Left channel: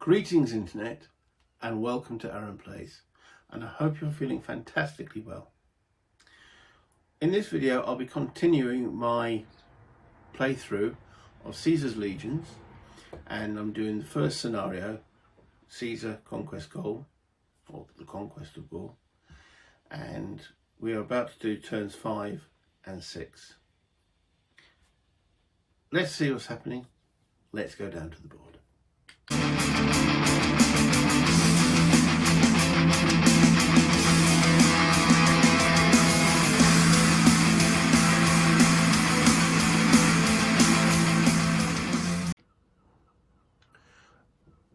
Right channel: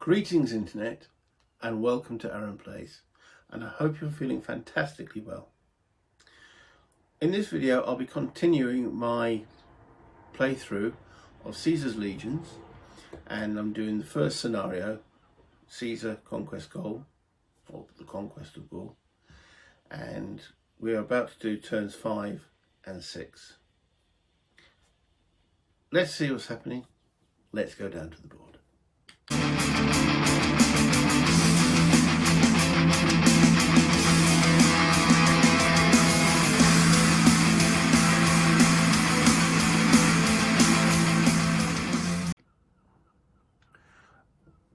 Greetings Internet and welcome to Aaron Plays, and I hope you're feeling fantastically well. In this video I'll be continuing my playthrough of Caesar's legions, and I'm doing the first scenario, Caesar Conquest Gaul, or the Conquest of Gaul, and we are about to do turns 5 and 6. Let's see what's happening. Let's go down to the board.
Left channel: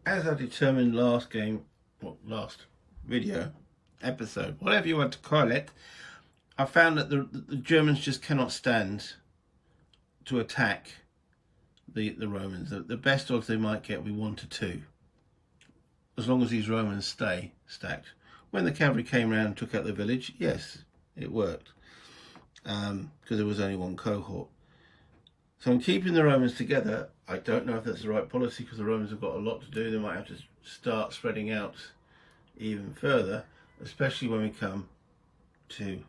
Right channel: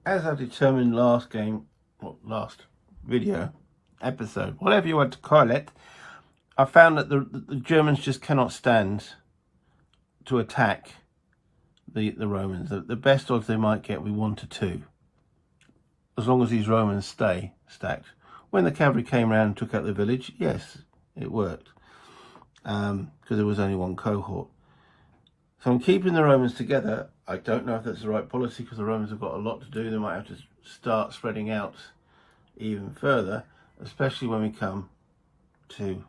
As I determined last video, episode, whatever you want to call it, I found that the Germans just cannot stand to attack the Romans. The best odds they might get will be 1 to 2, as long as these Romans stay stacked. When the cavalry came around and took out the village, yes, it worked, because there was only one cohort. So I'm keeping the Romans together. I don't know if that's the right policy, because the Romans have got a lot to do. They might have to start spreading out even further, especially when we come to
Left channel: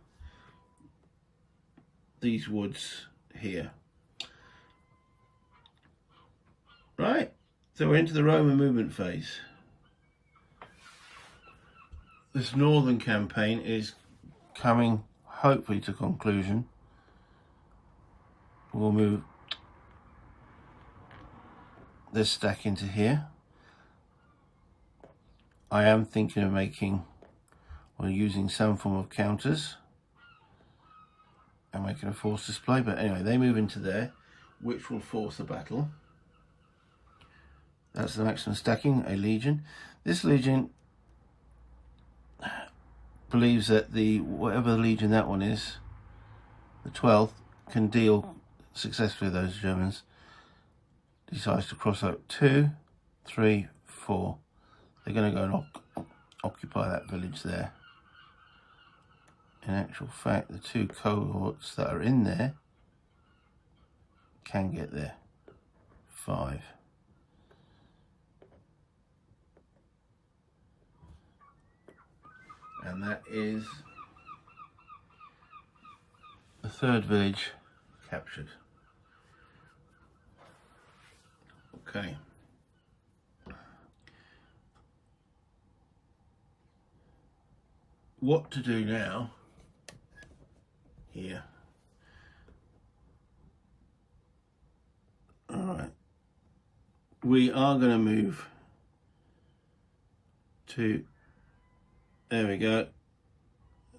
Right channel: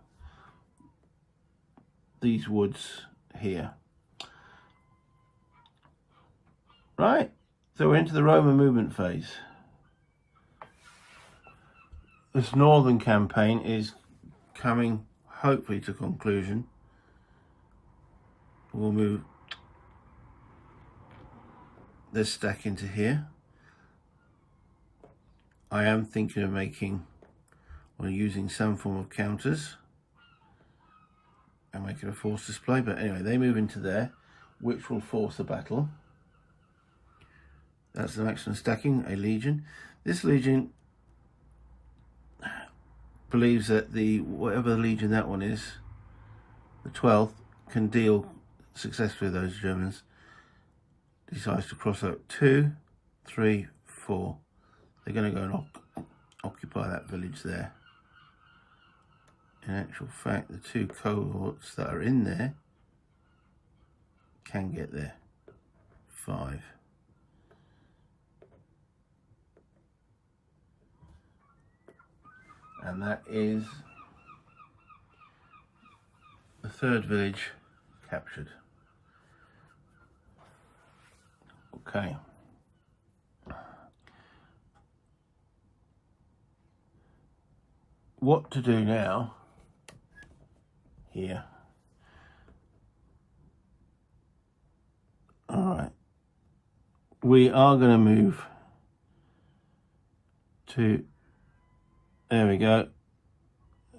these woods here. Right, so we're into the Roman movement phase. This northern campaign is coming hopefully to conclusion. We'll move this stack into here. I am thinking of making or using some form of counters and making a force display, but anyway, they move into there, which will force the battle. That's the maximum stacking, a legion. This legion believes that whatever the legion that one is, the 12th, can deal successfully with those Germans. Decides to cross out 2, 3, 4. They're going to go and occupy that village there. In actual fact, the 2 cohorts that are in there can get there. 5. And that is the 3rd village captured. Okay. What to do now here? All right. We are going to move to, there we go.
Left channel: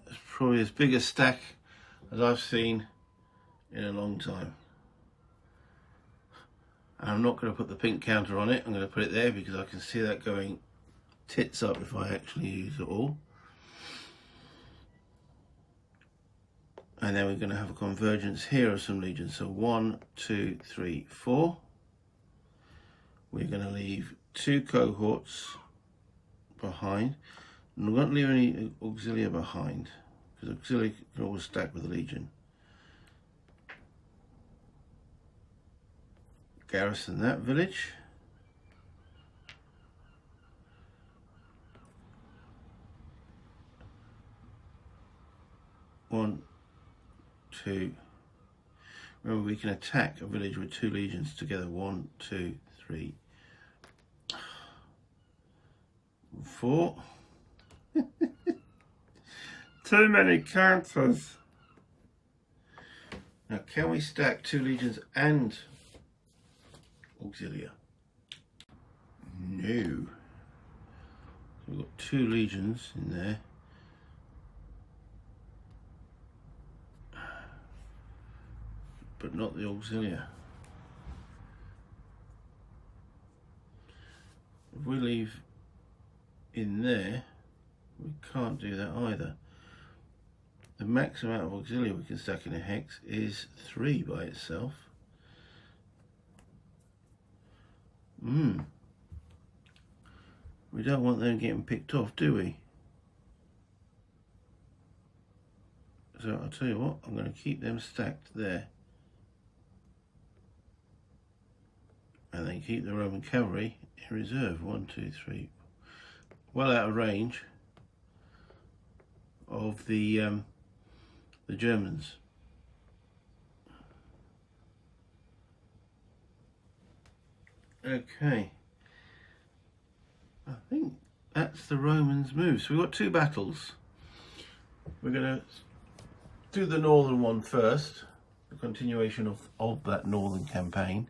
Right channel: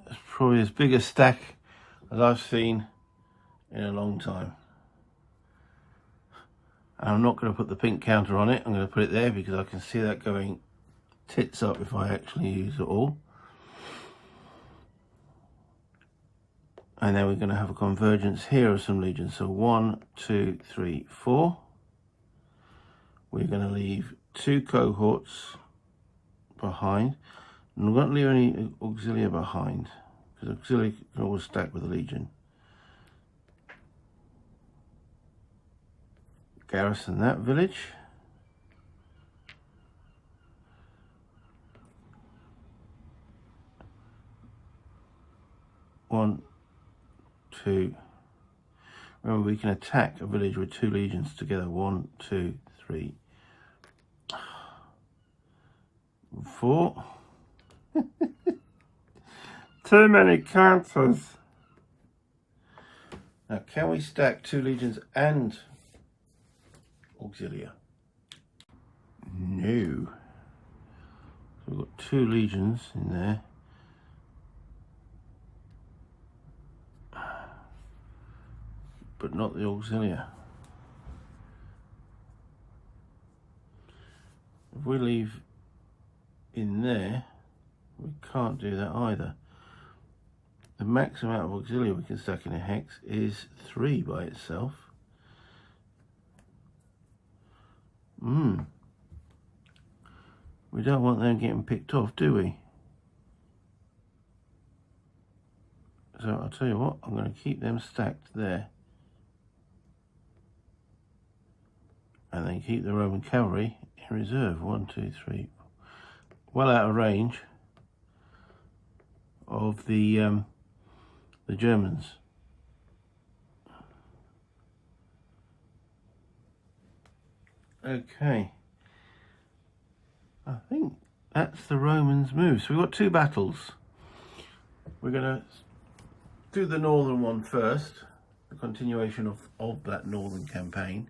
It's probably as big a stack as I've seen in a long time. And I'm not going to put the pink counter on it. I'm going to put it there because I can see that going tits up if I actually use it all. And then we're going to have a convergence here of some legions. So 1, 2, 3, 4. We're going to leave 2 cohorts behind. And we're not leave any auxilia behind, because auxilia can always stack with the legion. Garrison that village. One, 2. Remember, we can attack a village with 2 legions together. 1, 2, 3, 4. Too many counters. Now, can we stack 2 legions and auxilia? No. So we've got 2 legions in there. But not the auxilia. If we leave in there, we can't do that either. The max amount of auxilia we can stack in a hex is 3 by itself. We don't want them getting picked off, do we? So I'll tell you what, I'm going to keep them stacked there. And then keep the Roman cavalry in reserve. 1, 2, 3. Well out of range of the Germans. Okay, I think that's the Romans' move. So we've got 2 battles. We're going to do the northern one first, the continuation of that northern campaign.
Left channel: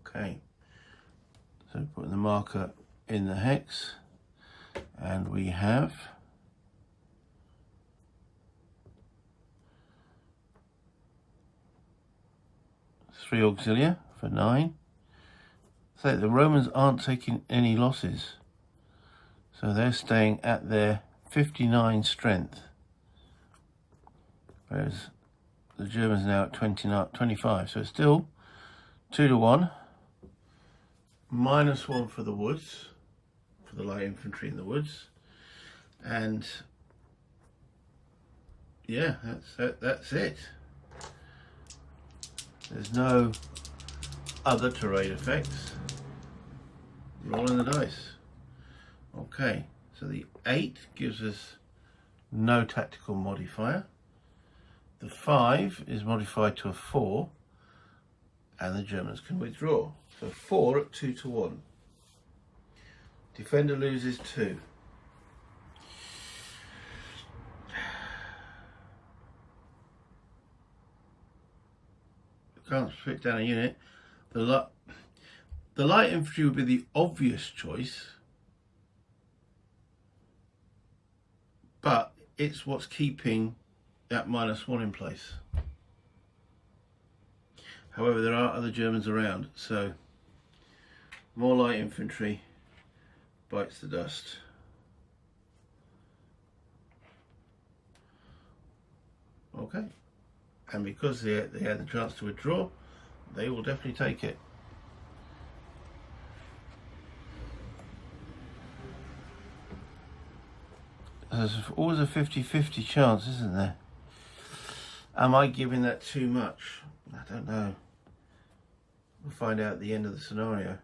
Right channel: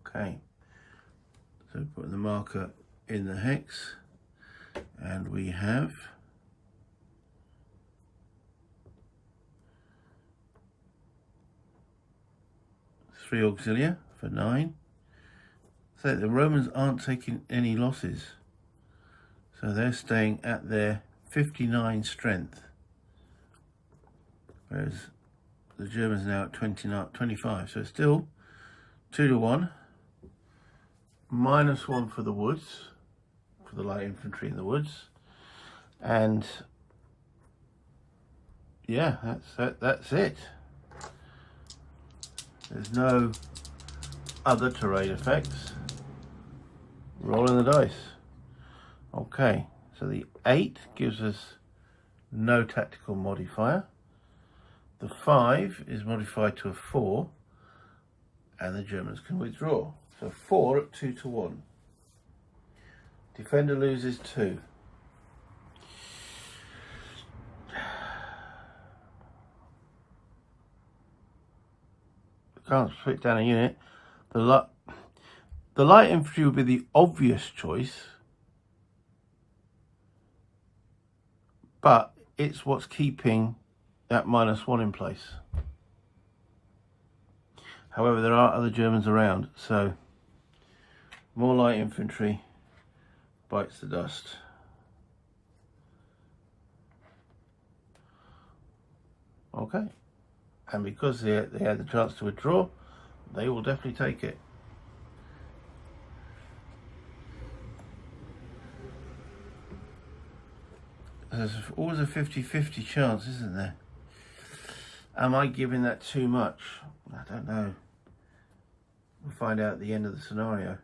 Okay, so putting the marker in the hex, and we have three auxilia for 9. So the Romans aren't taking any losses, so they're staying at their 59 strength, whereas the Germans are now at 25. So it's still 2 to 1. -1 for the woods, for the light infantry in the woods, and yeah, that's it. There's no other terrain effects. Rolling the dice. Okay, so the 8 gives us no tactical modifier. The 5 is modified to a 4, and the Germans can withdraw. So 4 at 2 to 1. Defender loses 2. Can't split down a unit. The light infantry would be the obvious choice, but it's what's keeping that -1 in place. However, there are other Germans around, so more light infantry bites the dust. Okay, and because they had the chance to withdraw, they will definitely take it. There's always a 50-50 chance, isn't there? Am I giving that too much? I don't know. We'll find out at the end of the scenario.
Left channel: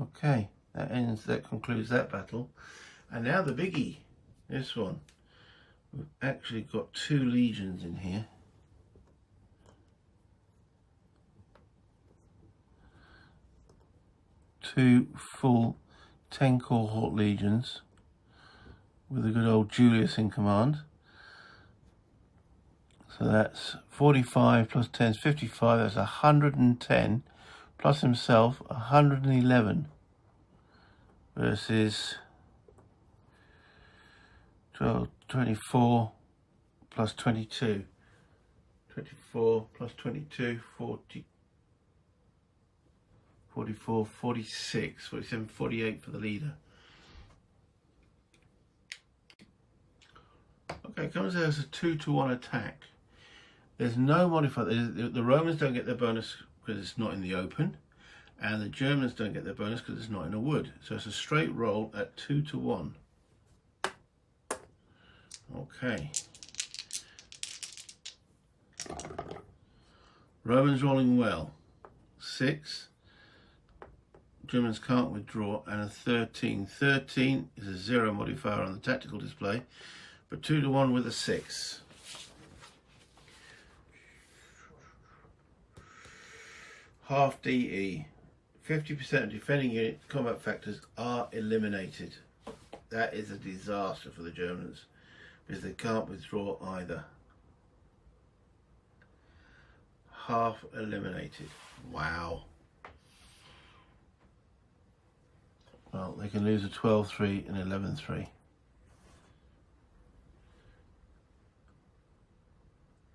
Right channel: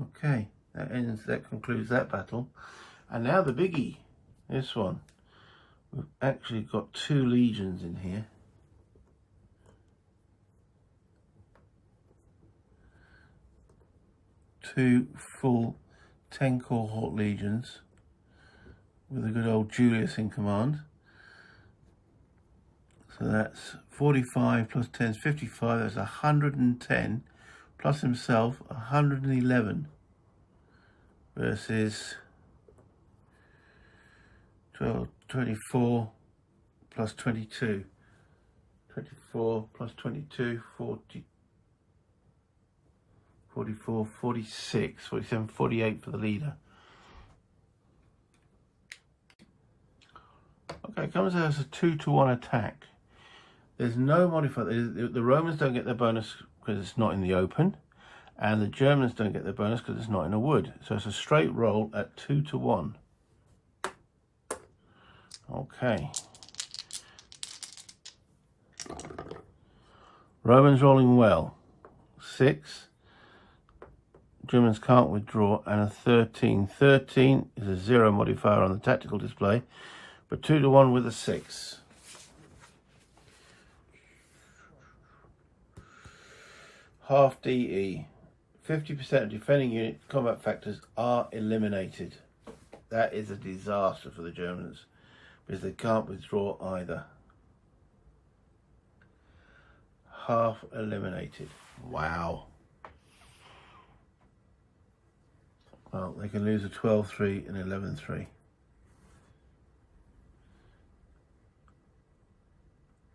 Okay, that concludes that battle. And now the biggie, this one. We've actually got 2 legions in here. Two full 10 cohort legions with a good old Julius in command. So that's 45 plus 10 is 55, that's 110, plus himself 111, versus 24 plus 22. 24 plus 22, 40, 44, 46, 47, 48 for the leader. Okay, it comes out as a 2 to 1 attack. There's no modifier. The Romans don't get their bonus because it's not in the open, and the Germans don't get their bonus because it's not in a wood. So it's a straight roll at 2 to 1. Okay. Romans rolling well. 6. Germans can't withdraw, and a 13. 13 is a 0 modifier on the tactical display, but 2 to 1 with a 6. Half DE. 50% of defending unit combat factors are eliminated. That is a disaster for the Germans, because they can't withdraw either. Half eliminated. Wow. Well, they can lose a 12-3 and 11-3.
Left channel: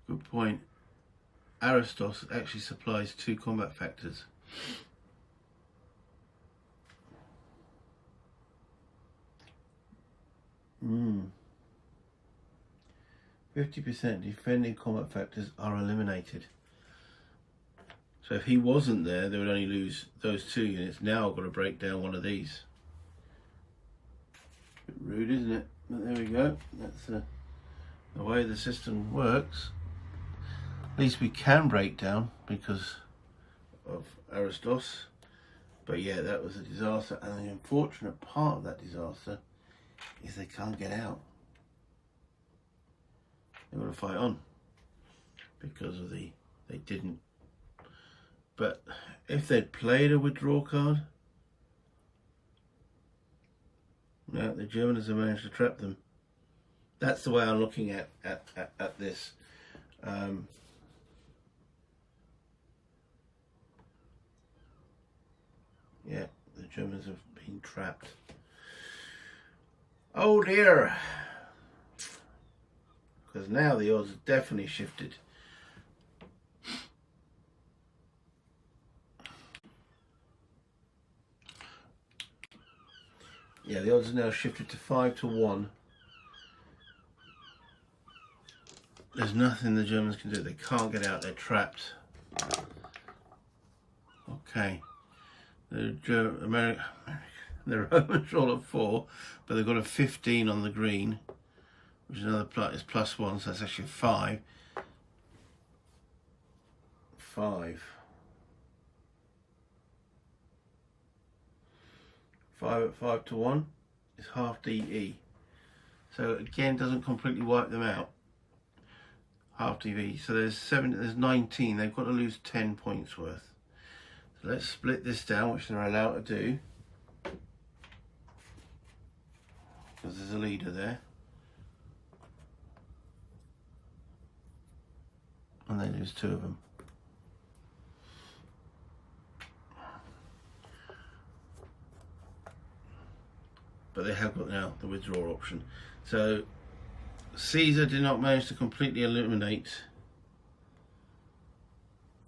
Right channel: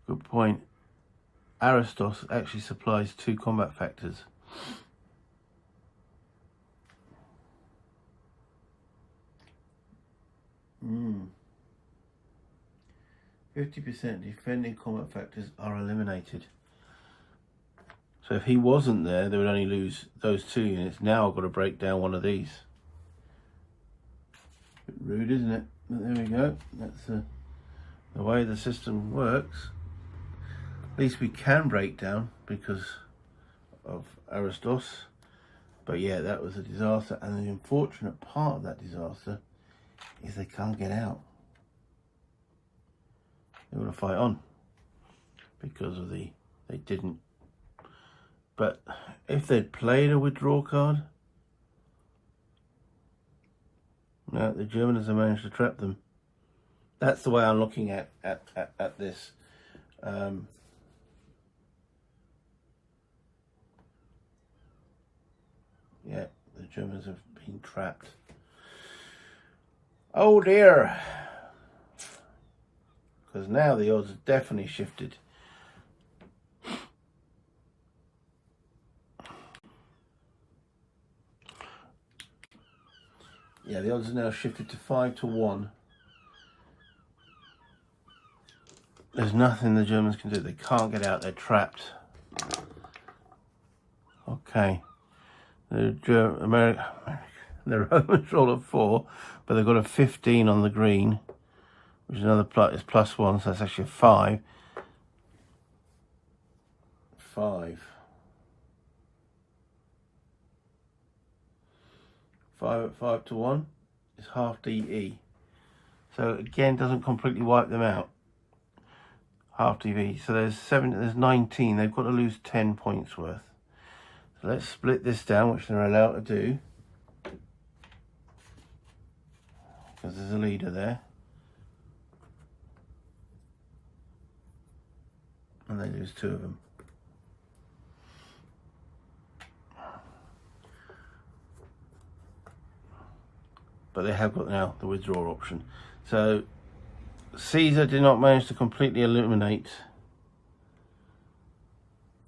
Good point. Aristos actually supplies 2 combat factors. Hmm. 50% defending combat factors are eliminated. So if he wasn't there, they would only lose those 2 units. Now I've got to break down one of these. Bit rude, isn't it? But there we go. That's the way the system works, at least we can break down because of Aristos. But yeah, that was a disaster, and the unfortunate part of that disaster is they can't get out. They want to fight on because of they didn't. But if they'd played a withdraw card, no, the Germans have managed to trap them. That's the way I'm looking at this. Yeah, the Germans have been trapped. Oh dear. Because now the odds have definitely shifted. Yeah, the odds are now shifted to 5-1. There's nothing the Germans can do. They can't get out. They're trapped. Okay. The Romans roll a 4, but they've got a 15 on the green, which is another plus. It's +1, so that's actually a 5. 5. 5 at 5-1 is half DE. So again, doesn't completely wipe them out. Half DE. So there's 19. They've got to lose 10 points worth. So let's split this down, which they're allowed to do, because there's a leader there. And they lose 2 of them. But they have got now the withdraw option. So Caesar did not manage to completely eliminate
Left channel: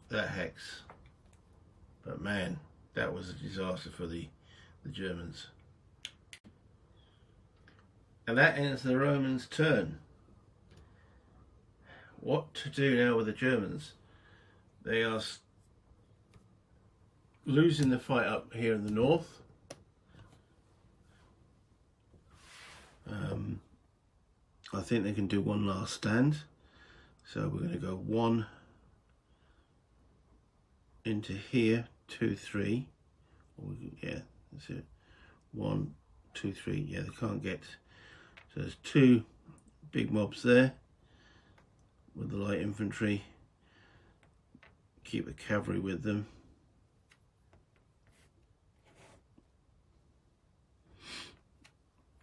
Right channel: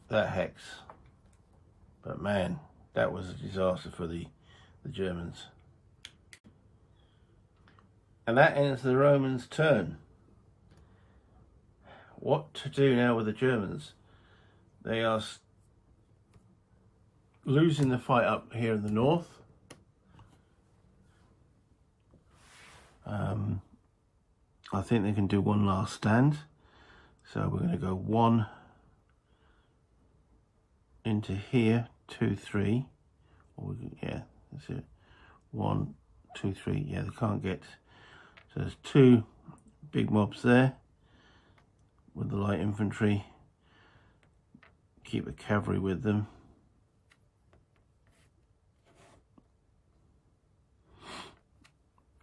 that hex. But man, that was a disaster for the Germans. And that ends the Romans' turn. What to do now with the Germans? They are losing the fight up here in the north. I think they can do one last stand. So we're going to go 1 into here, 2, 3. Or yeah, that's it. 1, 2, 3. Yeah, they can't get. So there's 2 big mobs there with the light infantry. Keep the cavalry with them.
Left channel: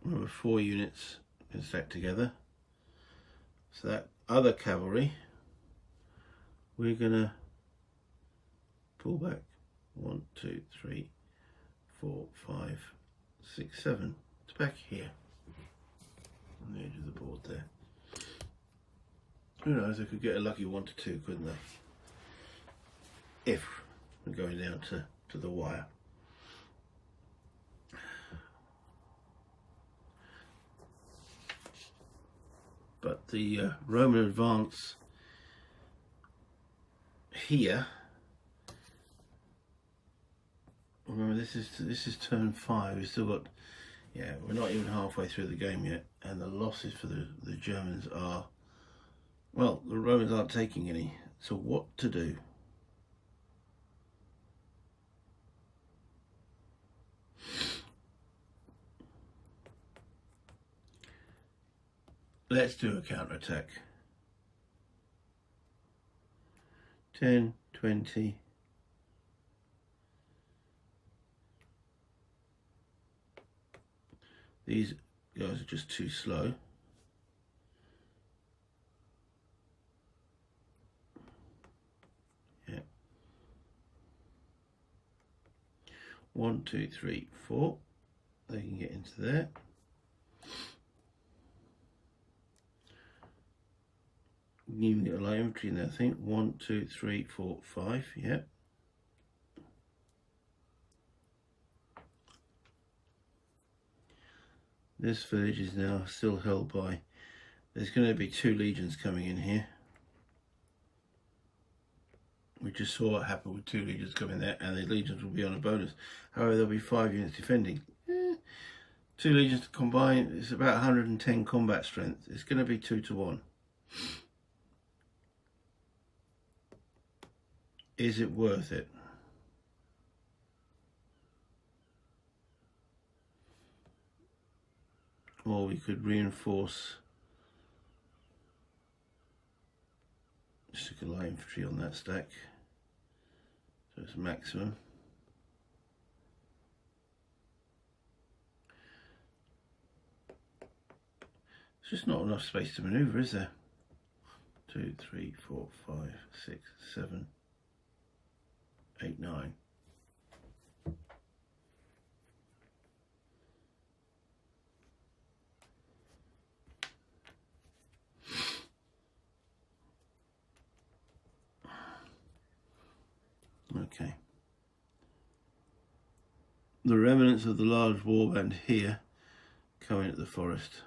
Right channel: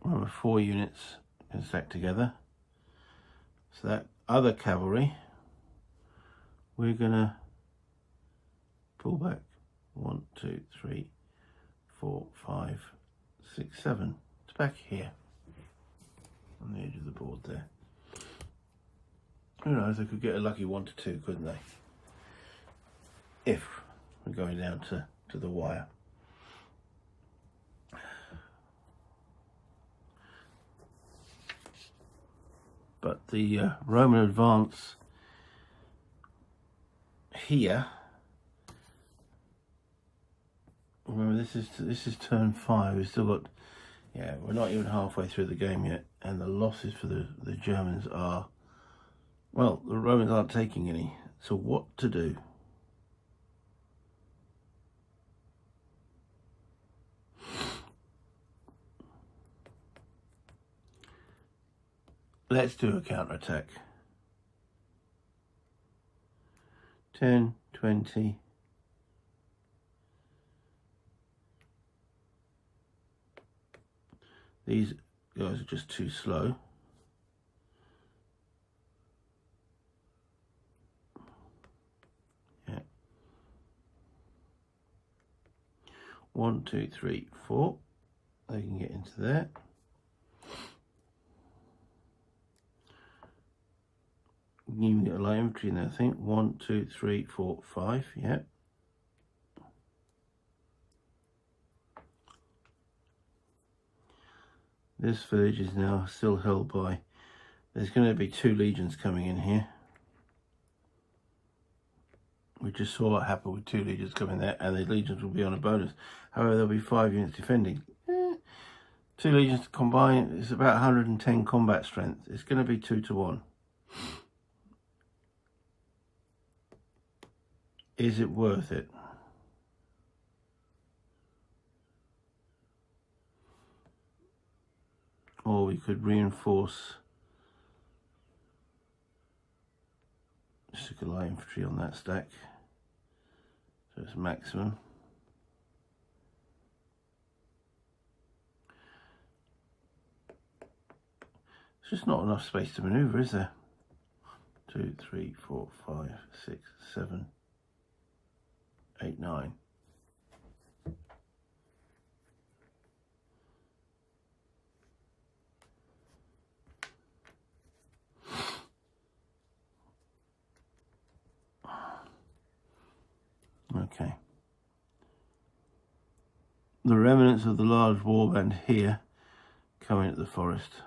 Remember, 4 units can stack together. So that other cavalry, we're gonna pull back 1, 2, 3, 4, 5, 6, 7. It's back here on the edge of the board there. Who knows? I could get a lucky 1 to 2, couldn't they? If we're going down to the wire. But the Roman advance here. Remember, this is turn 5. We've still got, yeah, we're not even halfway through the game yet, and the losses for the Germans are, well, the Romans aren't taking any. So what to do? Let's do a counterattack. 10, 20. These guys are just too slow. Yeah. 1, 2, 3, 4. They can get into there. You can get a light infantry in there, I think. 1, 2, 3, 4, 5. Yeah. This village is now still held by. There's going to be 2 legions coming in here. We just saw what happened with 2 legions coming there, and the legions will be on a bonus. However, there'll be 5 units defending. 2 legions combined is about 110 combat strength. It's going to be 2 to 1. Is it worth it? Or we could reinforce, stick a light infantry on that stack, so it's maximum. It's just not enough space to manoeuvre, is there? 2, 3, 4, 5, 6, 7, 8, 9. Okay. The remnants of the large warband here come into the forest.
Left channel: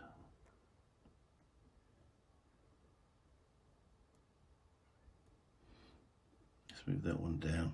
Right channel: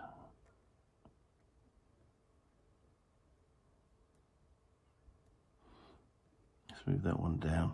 Let's move that one down.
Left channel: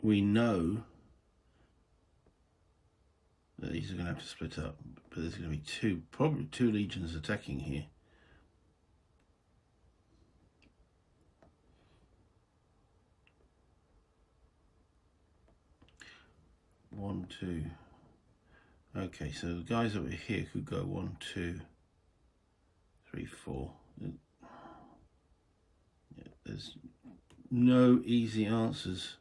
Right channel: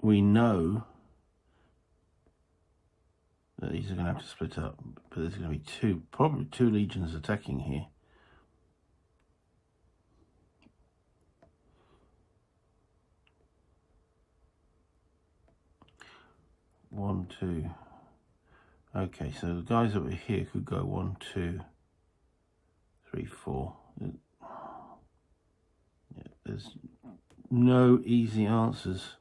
We know that these are going to have to split up, but there's going to be probably two legions attacking here. One, two. Okay, so the guys over here could go 1, 2, 3, 4. Yeah, there's no easy answers.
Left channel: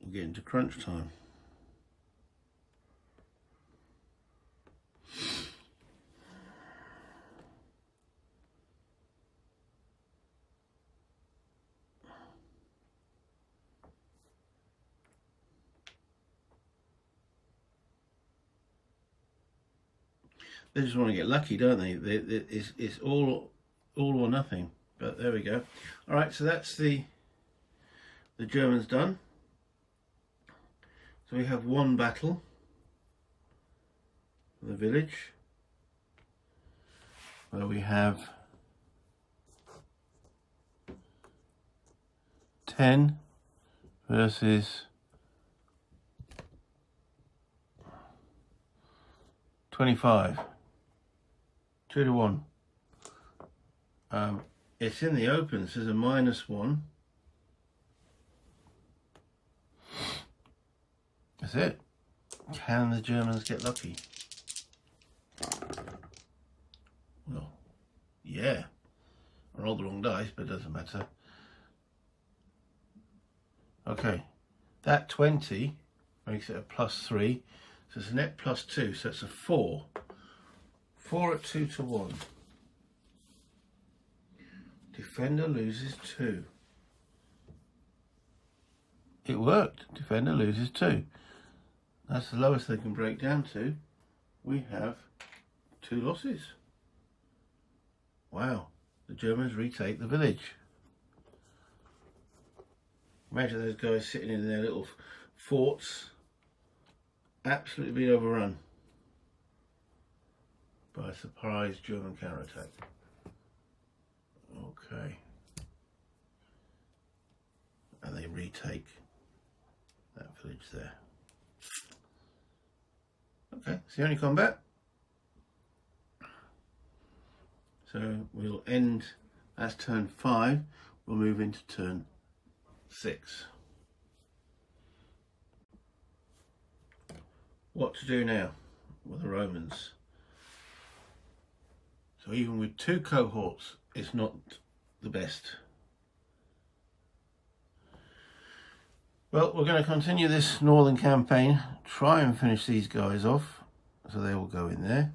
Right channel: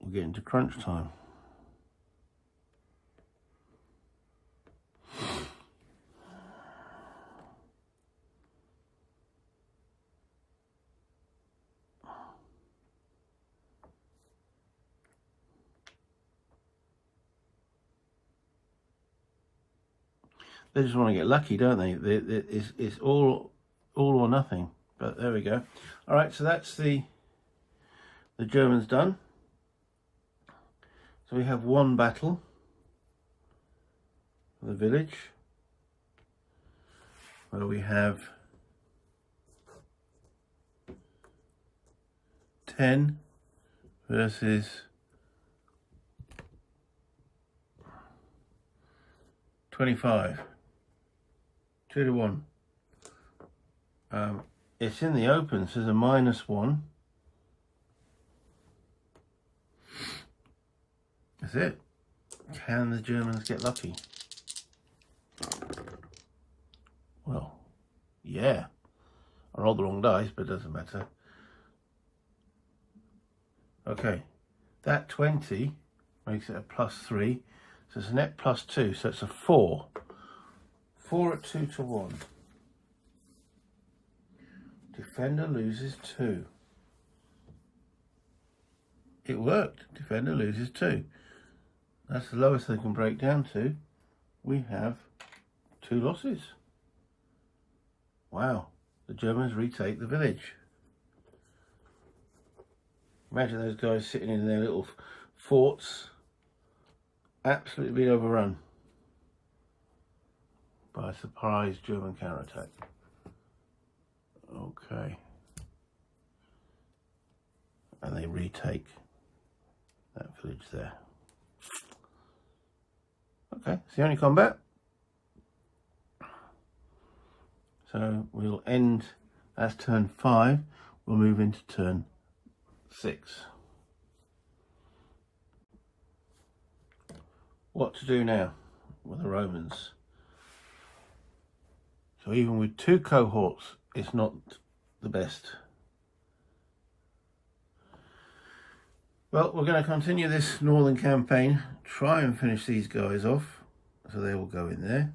We're getting to crunch time. They just want to get lucky, don't they? It's all or nothing. But there we go. All right, so that's the Germans done. So we have one battle for the village, where we have 10 versus 25. 2 to 1. It's in the open, so there's a -1. That's it. Can the Germans get lucky? Well, yeah. I rolled the wrong dice, but it doesn't matter. Okay, that 20 makes it a +3, so it's a net +2, so it's a 4. 4 at 2 to 1. Defender loses 2. It worked. Defender loses 2. That's the lowest they can break down to. We have 2 losses. Wow. The Germans retake the village. Imagine those guys sitting in their little forts, absolutely being overrun by a surprise German counterattack. Okay. And they retake that village there. Okay, it's the only combat. So we'll end, that's turn 5, we'll move into turn 6. What to do now with the Romans? So even with 2 cohorts, it's not the best. Well, we're going to continue this northern campaign, try and finish these guys off, so they will go in there.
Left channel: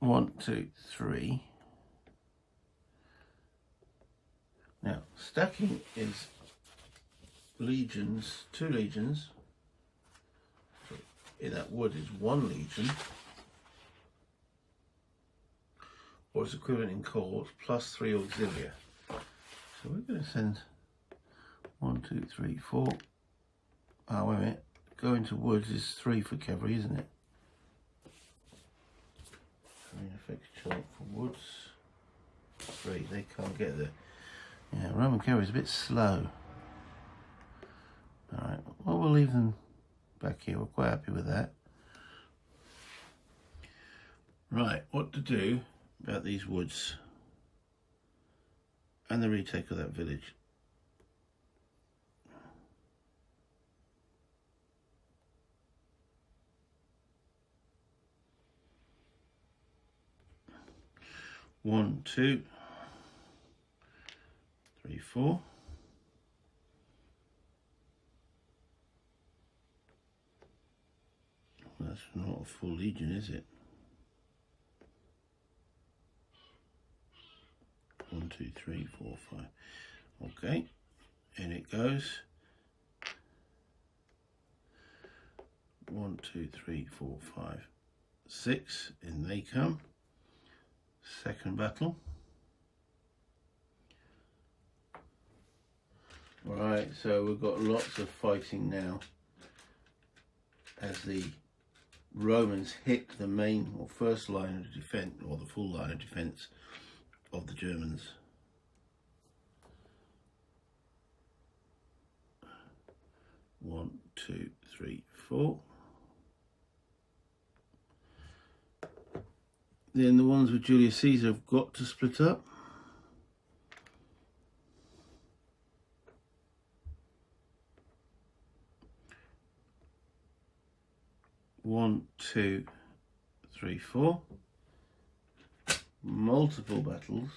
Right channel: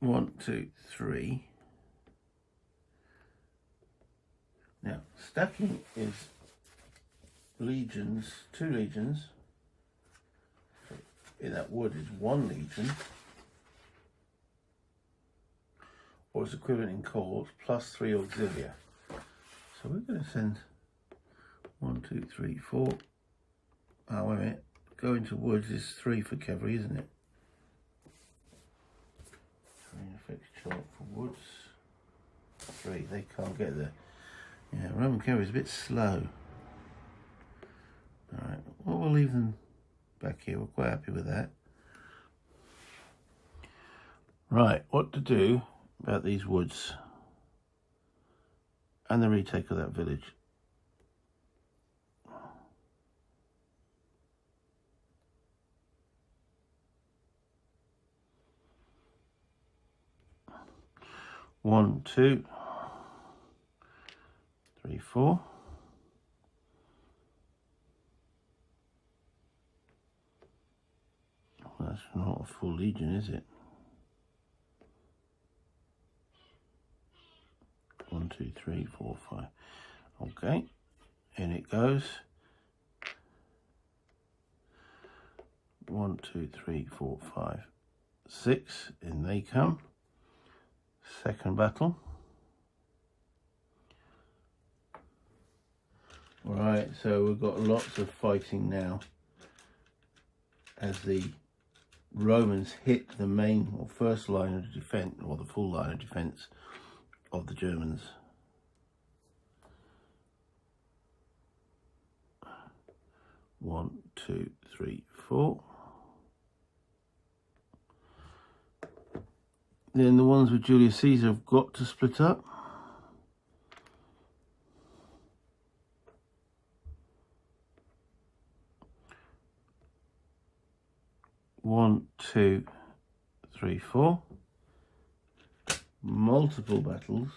1, 2, 3. Now, stacking is legions, 2 legions. So in that wood is 1 legion, or its equivalent in cores, plus 3 auxilia. So we're going to send 1, 2, 3, 4. Oh, wait a minute. Going to woods is 3 for cavalry, isn't it? Terrain effects chart for woods. 3. They can't get there. Yeah, Roman cavalry is a bit slow. Alright, well, we'll leave them back here. We're quite happy with that. Right, what to do about these woods and the retake of that village. One, 2, 3, 4. That's not a full legion, is it? 1, 2, 3, 4, 5. Okay, in it goes. 1, 2, 3, 4, 5, 6. In they come. Second battle. Right, so we've got lots of fighting now as the Romans hit the main or first line of defense, or the full line of defense of the Germans. One, 2, 3, 4. Then the ones with Julius Caesar have got to split up. One, 2, 3, 4. Multiple battles.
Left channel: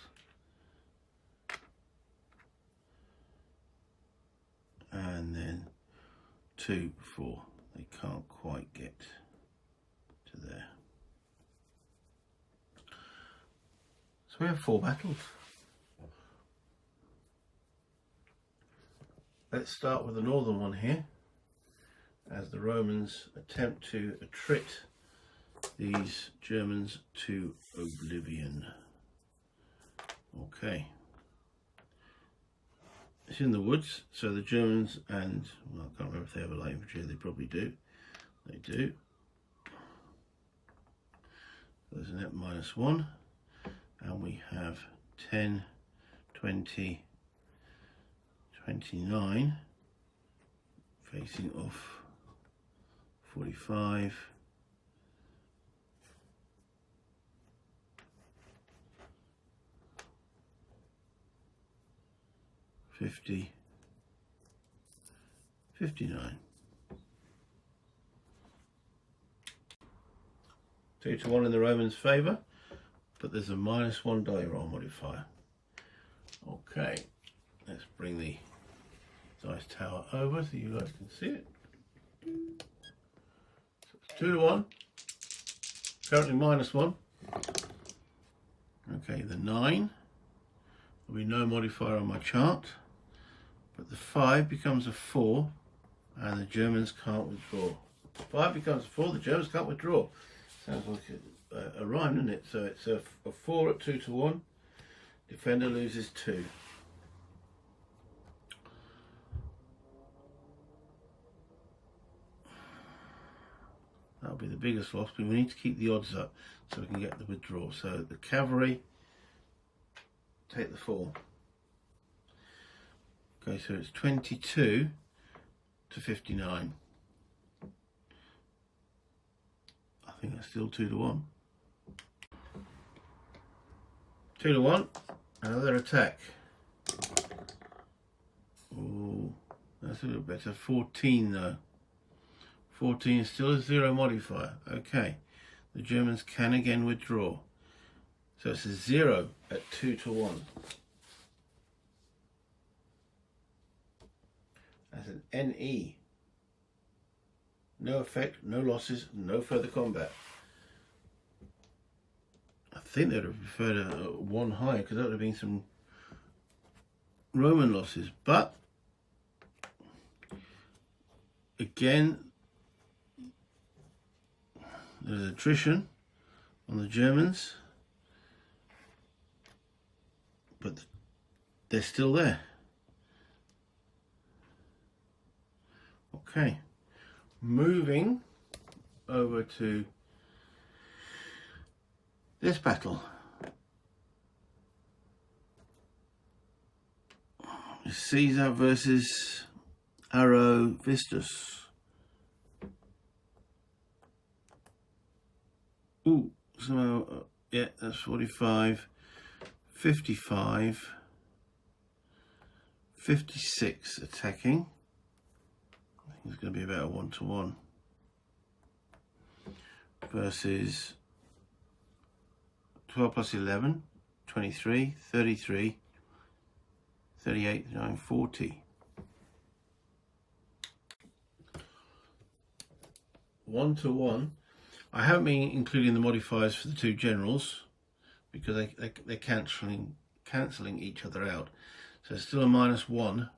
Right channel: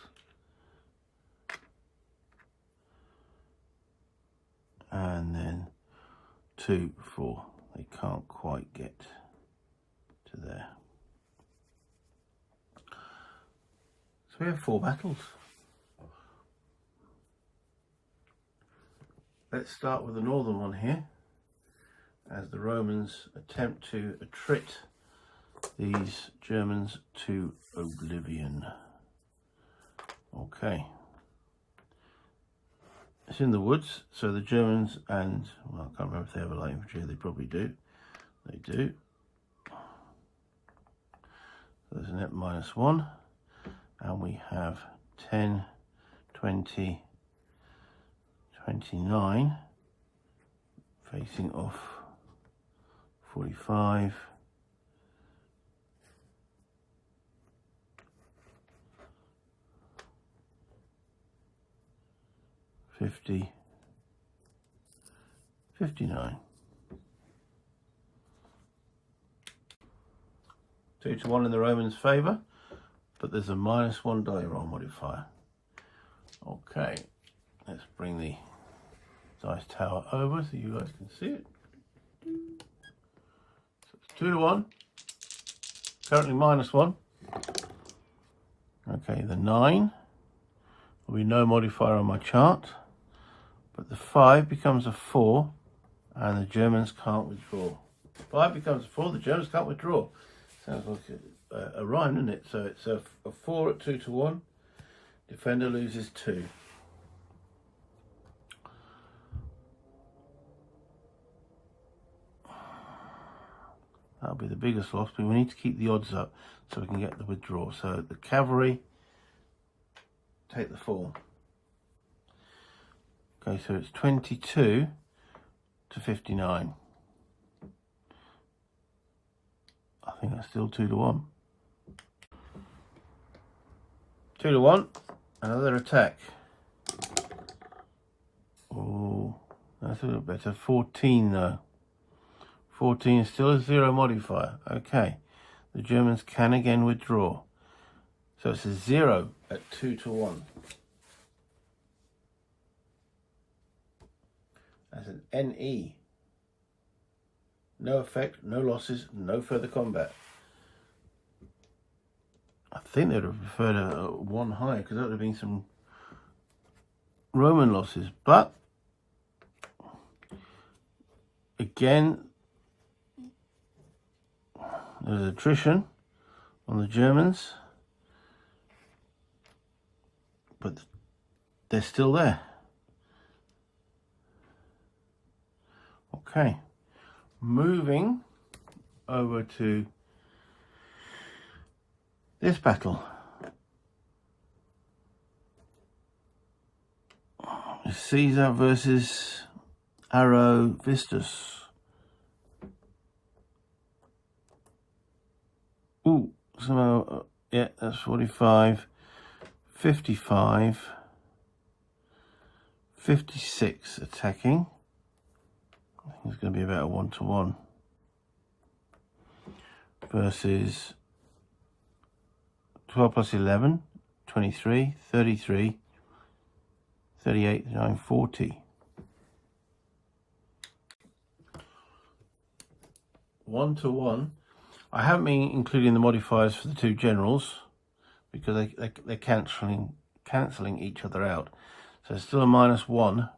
And then 2, 4. They can't quite get to there. So we have 4 battles. Let's start with the northern one here, as the Romans attempt to attrit these Germans to oblivion. Okay. It's in the woods, so the Germans and, well, I can't remember if they have a light infantry, they probably do. They do. So there's a net -1. And we have 10, 20, 29 facing off 45, 50, 59. 2 to 1 in the Romans' favour, but there's a -1 die roll modifier. Okay, let's bring the dice tower over so you guys can see it. So it's 2 to 1, currently -1. Okay, the 9 will be no modifier on my chart, but the 5 becomes a 4 and the Germans can't withdraw. 5 becomes a 4, the Germans can't withdraw. Sounds like a rhyme, doesn't it? So it's a 4 at 2 to 1. Defender loses 2. That'll be the biggest loss, but we need to keep the odds up so we can get the withdrawal. So the cavalry take the fall. Okay, so it's 22 to 59. I think that's still 2 to 1. 2 to 1, another attack. Oh, that's a little better. 14 though. 14 is still a 0 modifier. Okay, the Germans can again withdraw. So it's a 0 at 2 to 1. That's an NE. No effect, no losses, no further combat. think they'd have preferred a 1 higher, because that would have been some Roman losses. But again, there's attrition on the Germans, but they're still there. Okay, moving over to this battle. Caesar versus Arovistus. Ooh, so yeah, that's 45, 55, 56 attacking. It's going to be about a 1-to-1 versus 12 plus 11, 23, 33, 38, 39, 40. 1-to-1. I haven't been including the modifiers for the two generals because they're cancelling each other out. So it's still a -1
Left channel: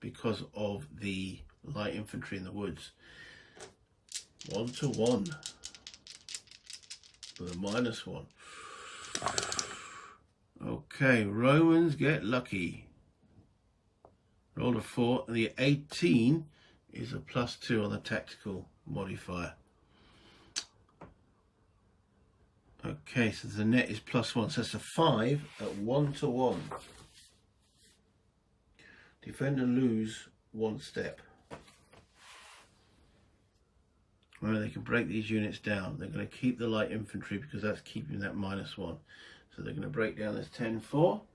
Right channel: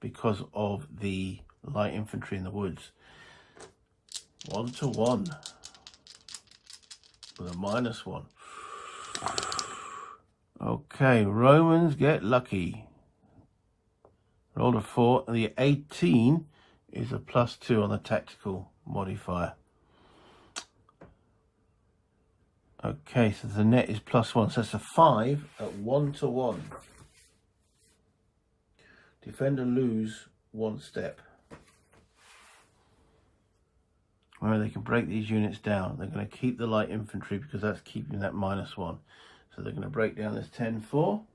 because of the light infantry in the woods. 1-to-1 with a -1. Okay, Romans get lucky. Rolled a 4. The 18 is a +2 on the tactical modifier. Okay, so the net is +1, so that's a 5 at 1-to-1. Defend and lose 1 step. Remember, they can break these units down. They're going to keep the light infantry because that's keeping that -1. So they're going to break down this 10-4.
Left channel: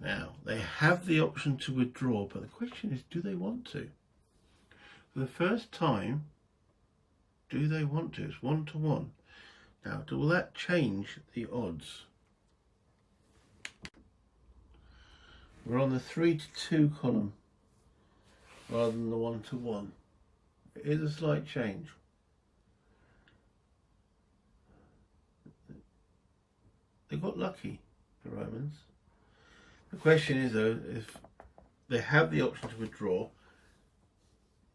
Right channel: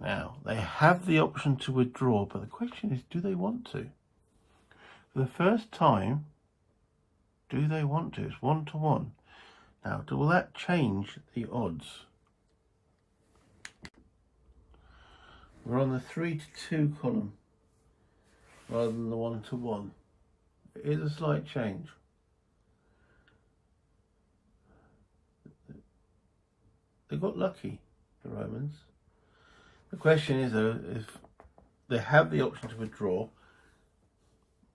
Now, they have the option to withdraw, but the question is, do they want to? For the first time, do they want to? It's 1-to-1. Now, will that change the odds? We're on the 3-to-2 column rather than the 1-to-1. It is a slight change. They got lucky, the Romans. The question is, though, if they have the option to withdraw,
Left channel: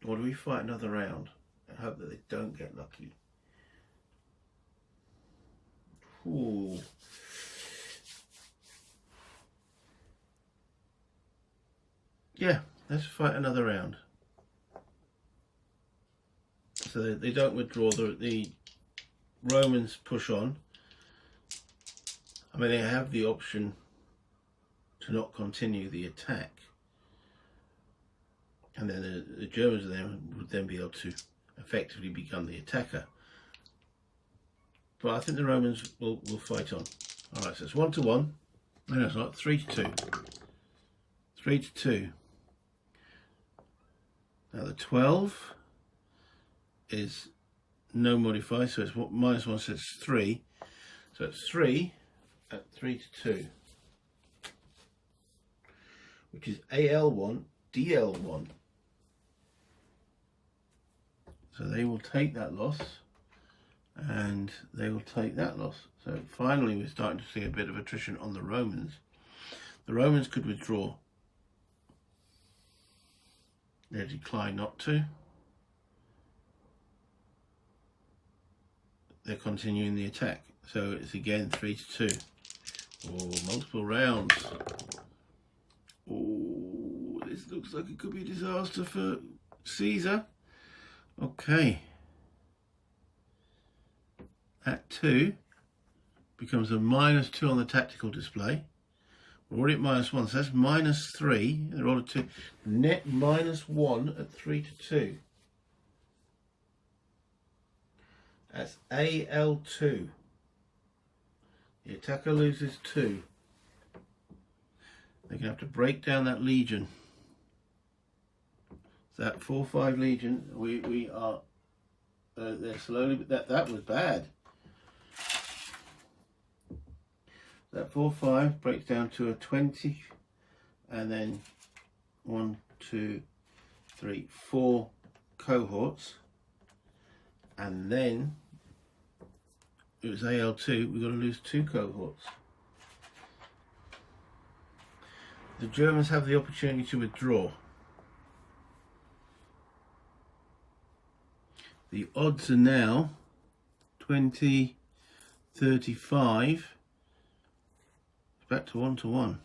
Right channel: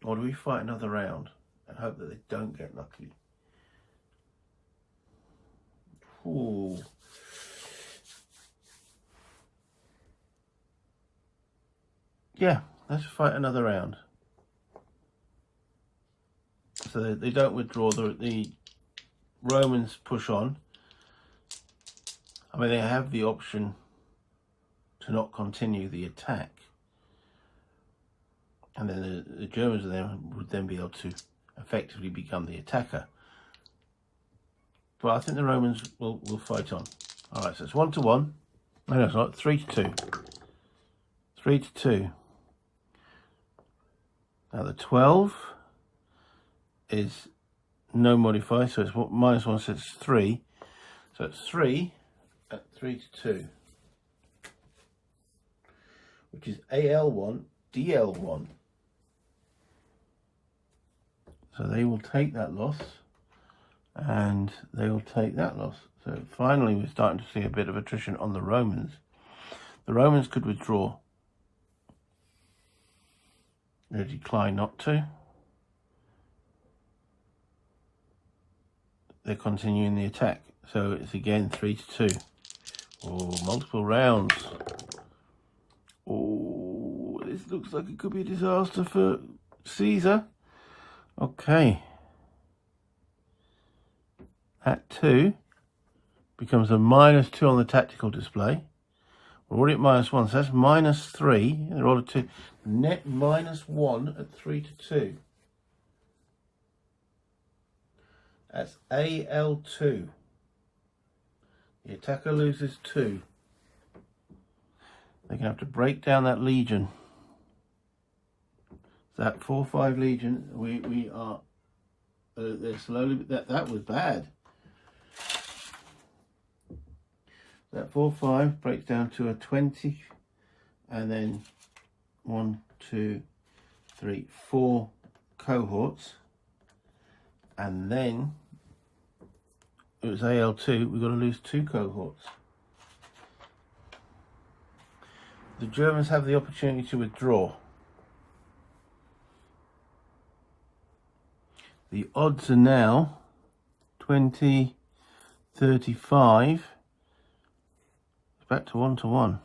or do we fight another round and hope that they don't get lucky? Ooh. Yeah, let's fight another round. So they don't withdraw, the Romans push on. I mean, they have the option to not continue the attack, and then the Germans would then be able to effectively become the attacker. But I think the Romans will fight on. All right, so it's 1-to-1. No, it's not. 3-to-2. 3-to-2. Now the 12 is no modifier, so it's -1, so it's 3. So it's 3 at 3-to-2. Which is AL1, DL1. So they will take that loss, and they will take that loss. So finally we're starting to see a bit of attrition on the Romans. The Romans could withdraw. They decline not to. They're continuing the attack. So it's again 3-to-2. Oh, multiple rounds. Oh, this looks like it could be a disaster for Caesar. Okay. That 2 becomes a -2 on the tactical display. We're already at -1, so that's -3 in order to net -1 at 3-to-2. That's AL2. The attacker loses 2. They're going to have to break down that legion. That 4-5 legion, we are they're slowly, that was bad. That 4-5 breaks down to a 20, and then 1, 2, 3, 4 cohorts, and then it was AL2, we've got to lose 2 cohorts. The Germans have the opportunity to withdraw. The odds are now 20, 35. It's back to 1-1.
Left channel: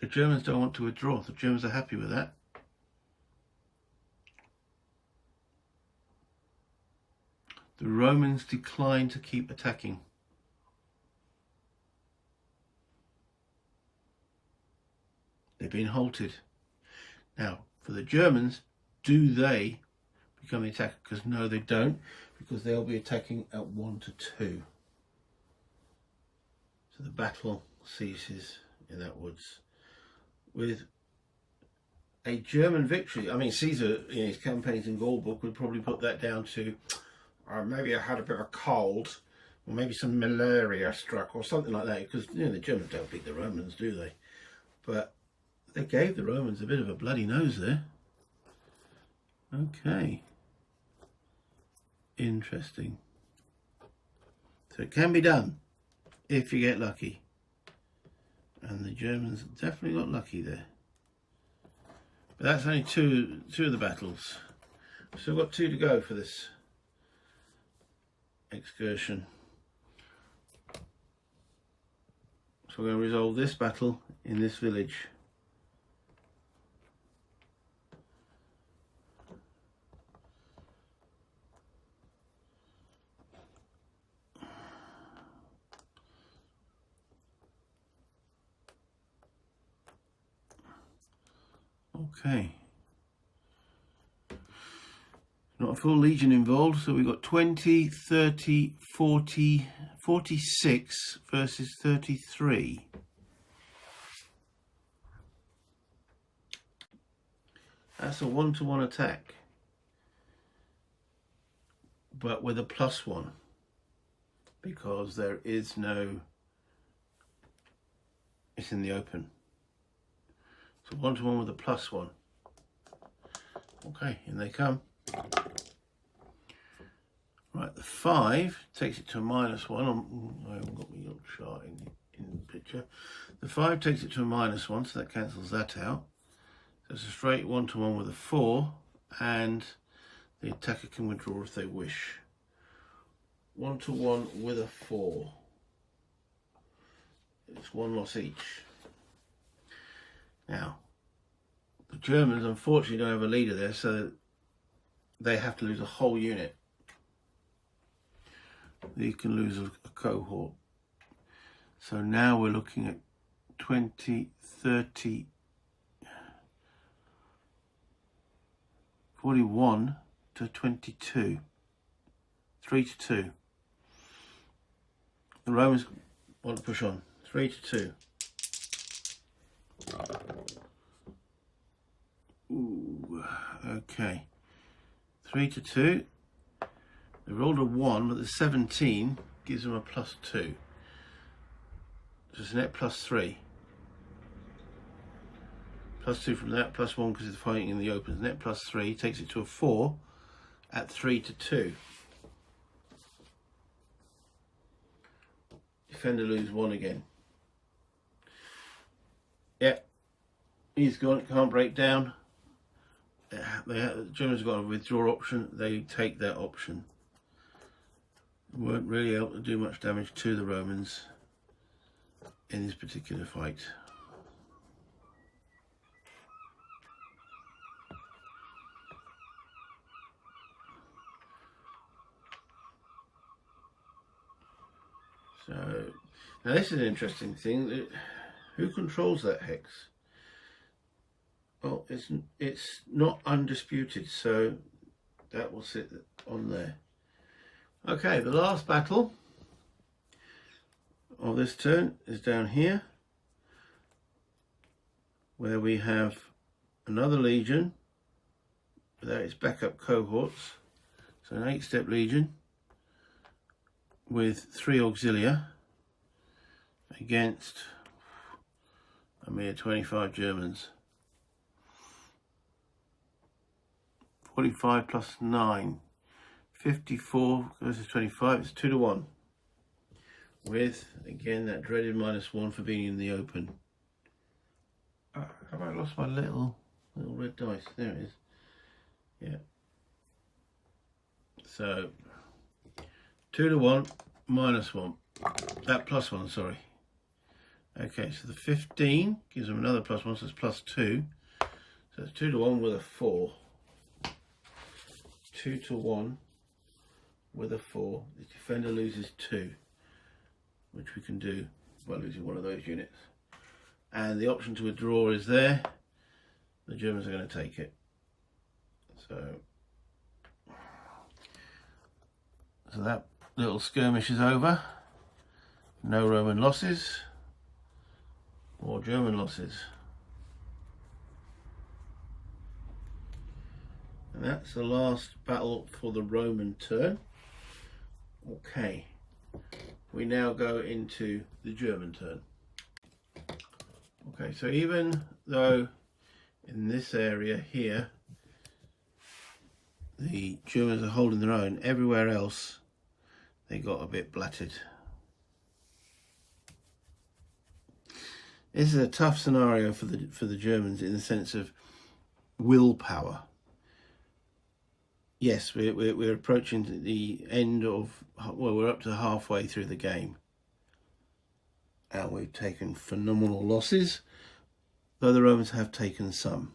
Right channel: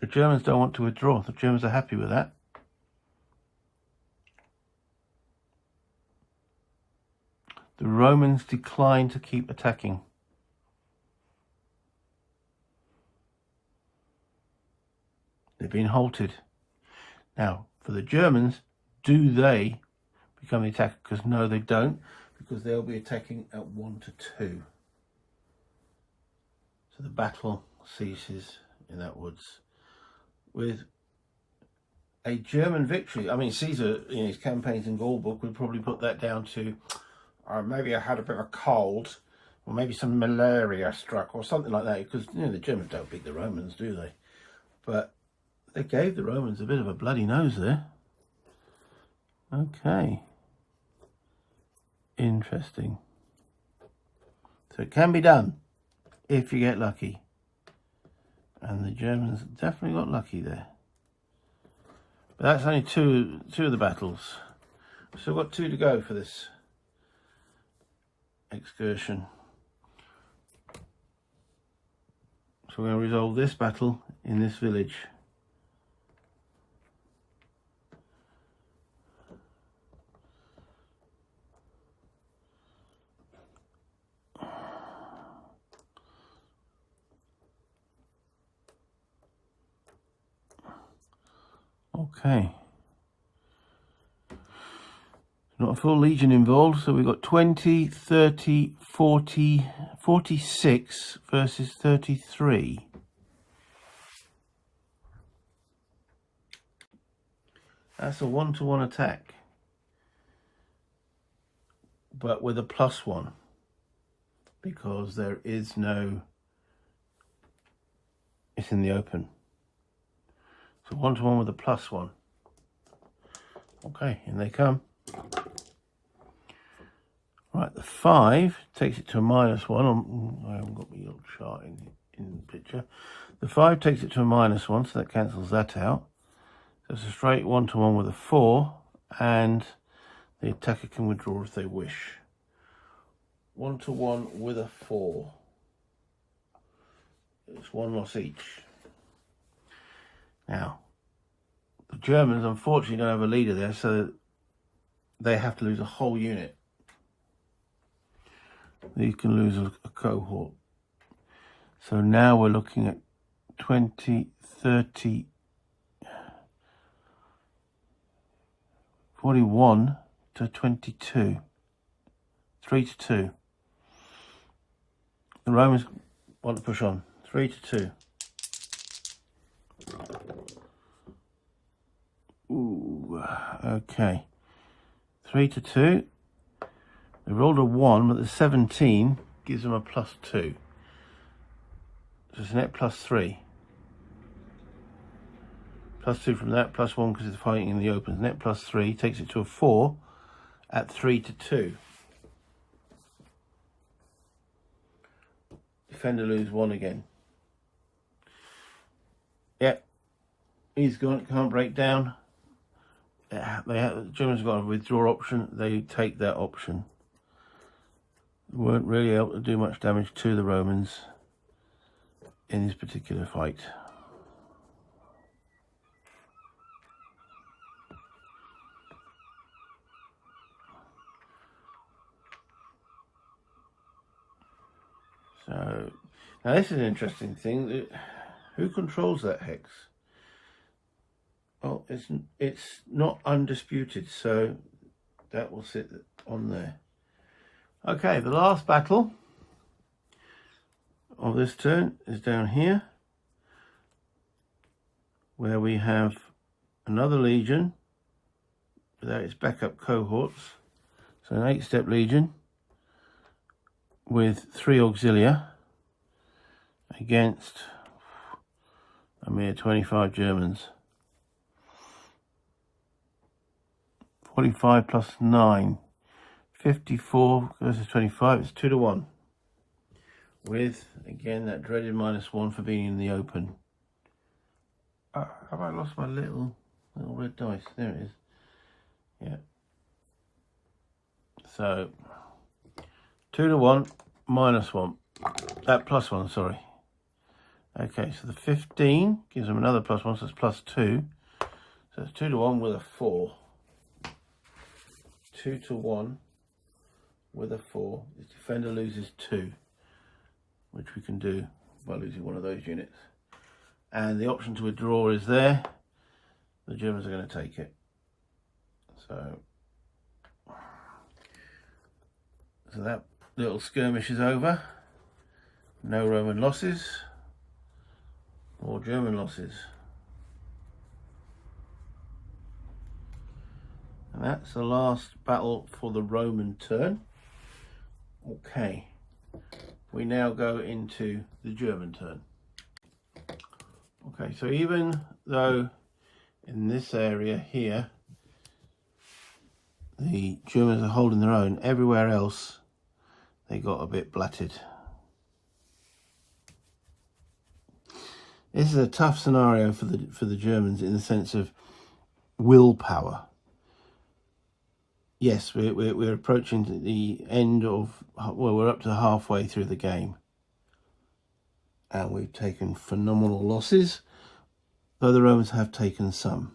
The Germans don't want to withdraw. The Germans are happy with that. The Romans decline to keep attacking. They've been halted. Now, for the Germans, do they become the attacker? Because no, they don't, because they'll be attacking at 1-2. So the battle ceases in that woods with a German victory. I mean, Caesar, in his campaigns in Gaul book, would probably put that down to maybe I had a bit of a cold, or maybe some malaria struck, or something like that, because the Germans don't beat the Romans, do they? But they gave the Romans a bit of a bloody nose there. Okay. Interesting. So it can be done if you get lucky. And the Germans definitely got lucky there. But that's only two of the battles. So we've got 2 to go for this excursion. So we're going to resolve this battle in this village. Okay. Not a full legion involved, so we've got 20, 30, 40, 46 versus 33. That's a 1-to-1 attack, but with a +1, because there is no, it's in the open. So 1-to-1 with a +1. Okay, in they come. Right, the 5 takes it to a -1. I haven't got my little chart in the picture. The 5 takes it to a -1, so that cancels that out. So it's a straight 1-to-1 with a 4, and the attacker can withdraw if they wish. 1-to-1 with a 4. It's 1 loss each. Now, the Germans unfortunately don't have a leader there, so they have to lose a whole unit. They can lose a cohort. So now we're looking at 20, 30, 41 to 22. 3-2. The Romans want to push on. 3-2. Ooh, okay. 3-2. They rolled a 1, but the 17 gives them a +2. So it's a net +3. +2 from that, +1 because it's fighting in the open. Net +3 takes it to a 4 at 3-2. Defender lose 1 again. Yeah, he's gone, can't break down. The Germans have got a withdraw option. They take that option. Weren't really able to do much damage to the Romans in this particular fight. So now this is an interesting thing. Who controls that hex? Well, it's not undisputed, so that will sit on there. Okay, the last battle of this turn is down here, where we have another legion without its backup cohorts. So an 8-step legion with 3 auxilia against a mere 25 Germans. 45 plus 9. 54 versus 25. It's 2-1. With, again, that dreaded -1 for being in the open. Have I lost my little red dice? There it is. Yeah. So 2-1, -1. +1, sorry. Okay, so the 15 gives them another +1, so it's +2. So it's 2-1 with a 4. 2-1 with a 4. The defender loses 2, which we can do by losing one of those units. And the option to withdraw is there. The Germans are going to take it. So that little skirmish is over. No Roman losses or German losses. And that's the last battle for the Roman turn. Okay, we now go into the German turn. Okay, so even though in this area here the Germans are holding their own, everywhere else they got a bit blattered. This is a tough scenario for the Germans in the sense of willpower. Yes, we're approaching the end of, well, we're up to halfway through the game. And we've taken phenomenal losses, though the Romans have taken some.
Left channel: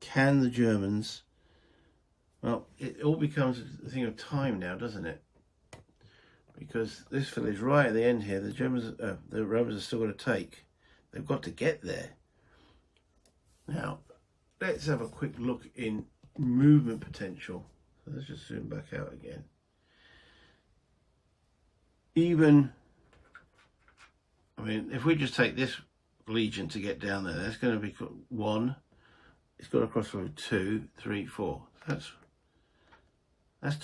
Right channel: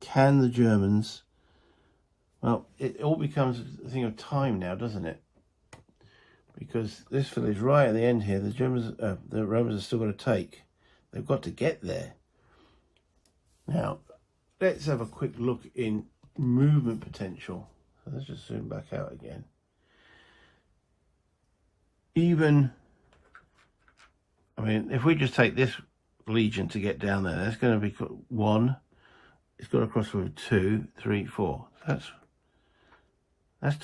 Can the Germans, well, it all becomes a thing of time now, doesn't it? Because this village right at the end here, the Romans are still going to take. They've got to get there. Now, let's have a quick look in movement potential. So let's just zoom back out again. Even, I mean, if we just take this legion to get down there, that's going to be 1. It's got to cross the road 2, 3, 4. That's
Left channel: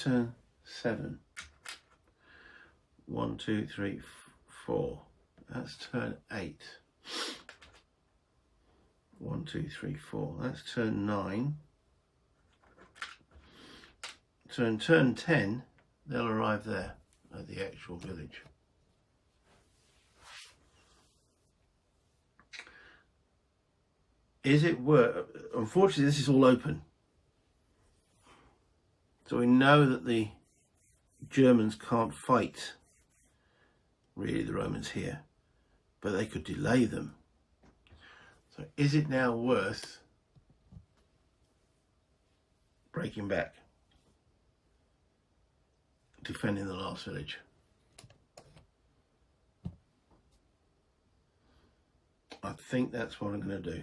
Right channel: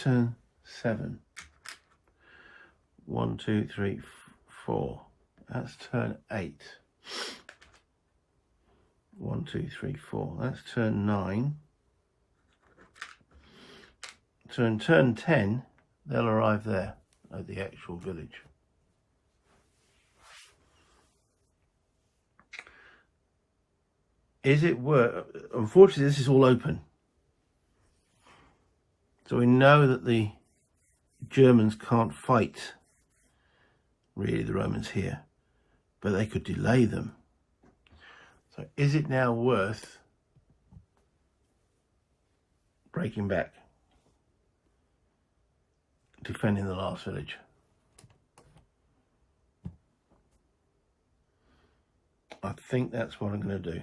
turn 7. 1, 2, 3, 4. That's turn 8. 1, 2, 3, 4. That's turn 9. So in turn 10, they'll arrive there at the actual village. Is it worth? Unfortunately, this is all open. So we know that the Germans can't fight, really, the Romans here, but they could delay them. So is it now worth breaking back, defending the last village? I think that's what I'm going to do.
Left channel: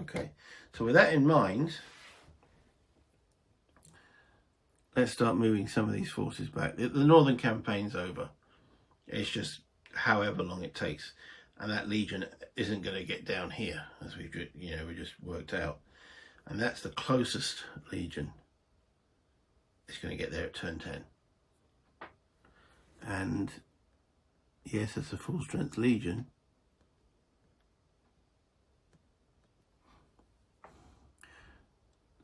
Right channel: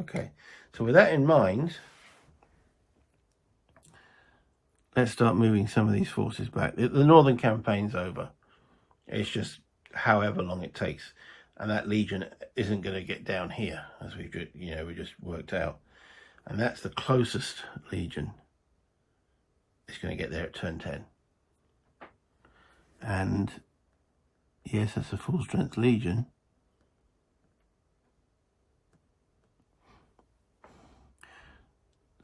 Okay, so with that in mind, let's start moving some of these forces back. The northern campaign's over. It's just however long it takes, and that legion isn't going to get down here, as we just worked out, and that's the closest legion. It's going to get there at turn 10, and yes, that's a full strength legion.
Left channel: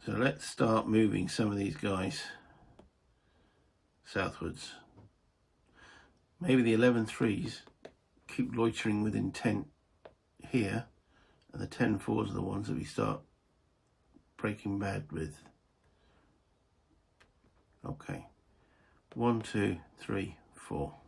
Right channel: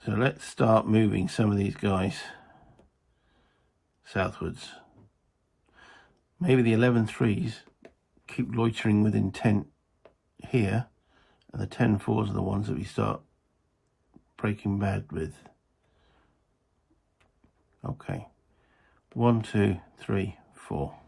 So let's start moving some of these guys southwards. Maybe the 11-3s keep loitering with intent here, and the 10-4s are the ones that we start breaking bad with. Okay, 1, 2, 3, 4.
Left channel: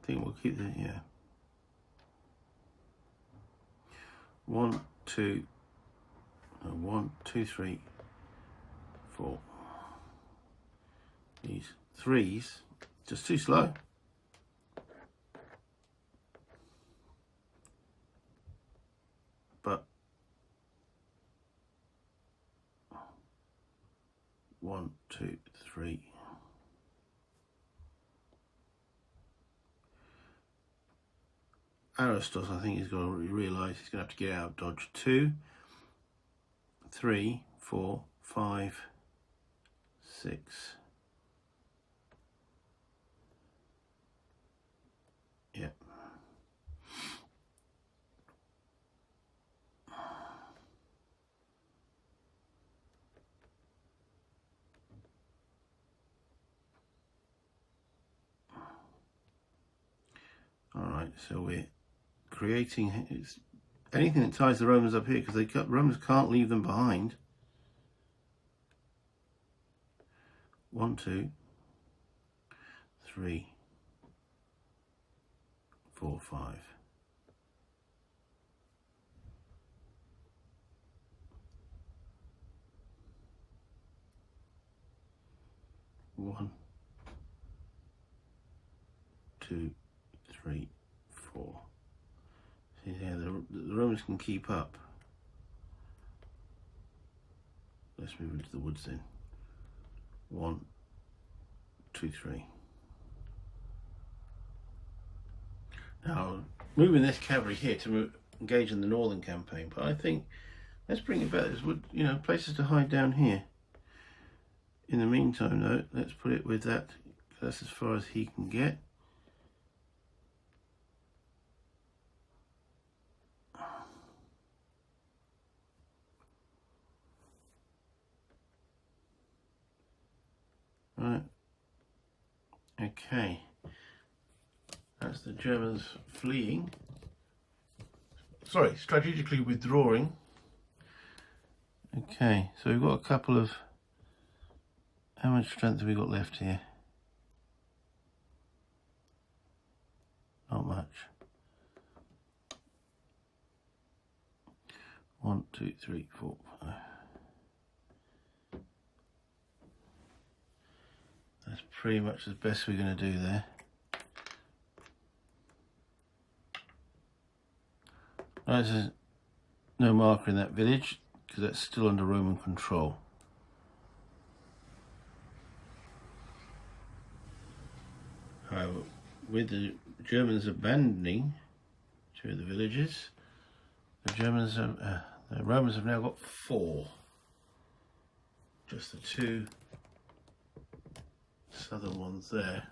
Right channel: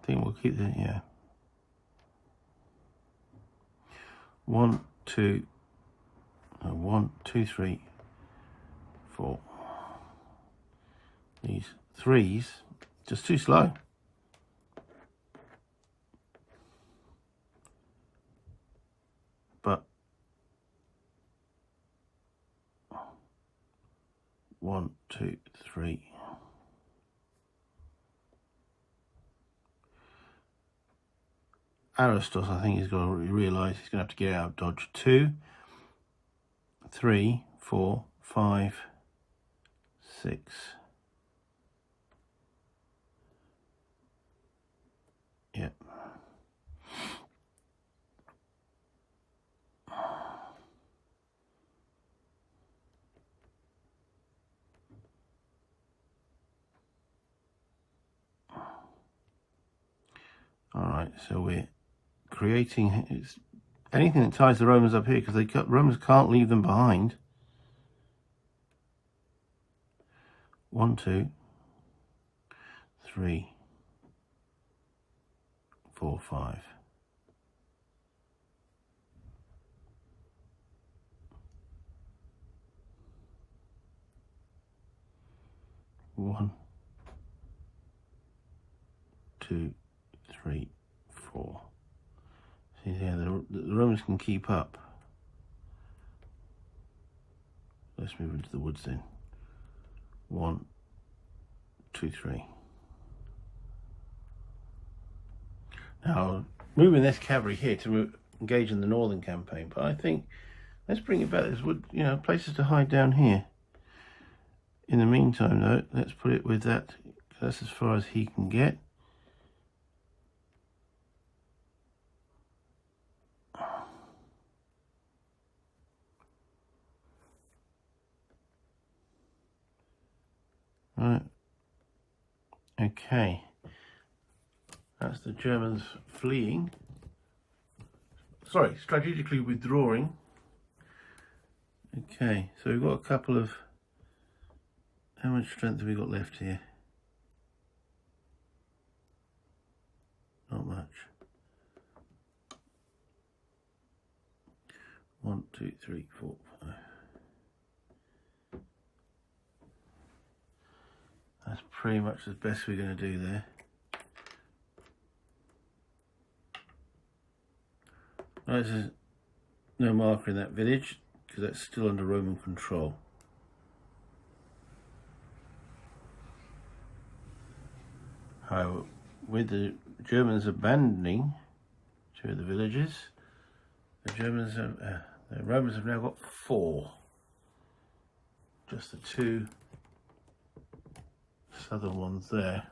I think we'll keep that, yeah. 1, 2, 3, 4. These 3s, just too slow. But 1, 2, 3. Aristos, I think he's got to realise he's going to have to get out of dodge. 2, 3, 4, 5, 6. Yep. Alright, so we're creating anything that ties the Romans up here, because Romans can't leave them behind. 1, 2, 3, 4, 5. One, 2, 3, 4. See here, the Romans can keep up. Let's move into the woods then. 1, 2, 3. Now, moving this cavalry here to engage in the northern campaign, but I think let's bring it back. There's, you know, places to hide down here. In the meantime, though, let's put it with that. That's as far as he can get. Right. Okay. That's the Germans fleeing. Sorry, strategically withdrawing. Okay, so we've got a couple of... How much strength have we got left here? Not much. 1, 2, 3, 4, 5. That's pretty much the best we're going to do there. Right, there's no marker in that village because that's still under Roman control. However, with the Germans abandoning 2 of the villages, the Romans have now got 4. Just the 2 southern ones there.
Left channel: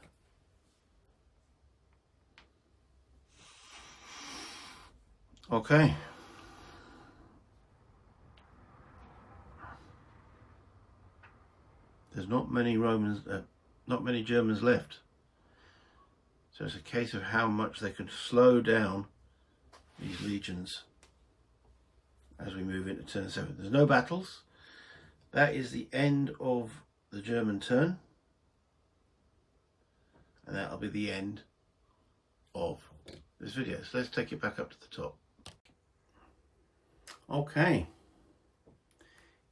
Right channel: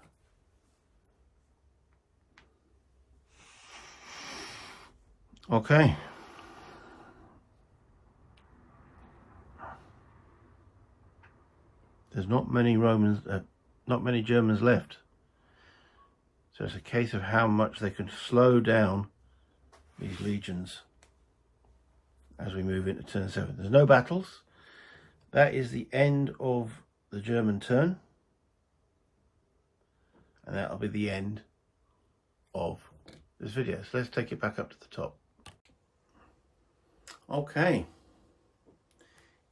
Okay. There's not many Germans left. So it's a case of how much they can slow down these legions as we move into turn 7. There's no battles. That is the end of the German turn. And that'll be the end of this video. So let's take it back up to the top. Okay.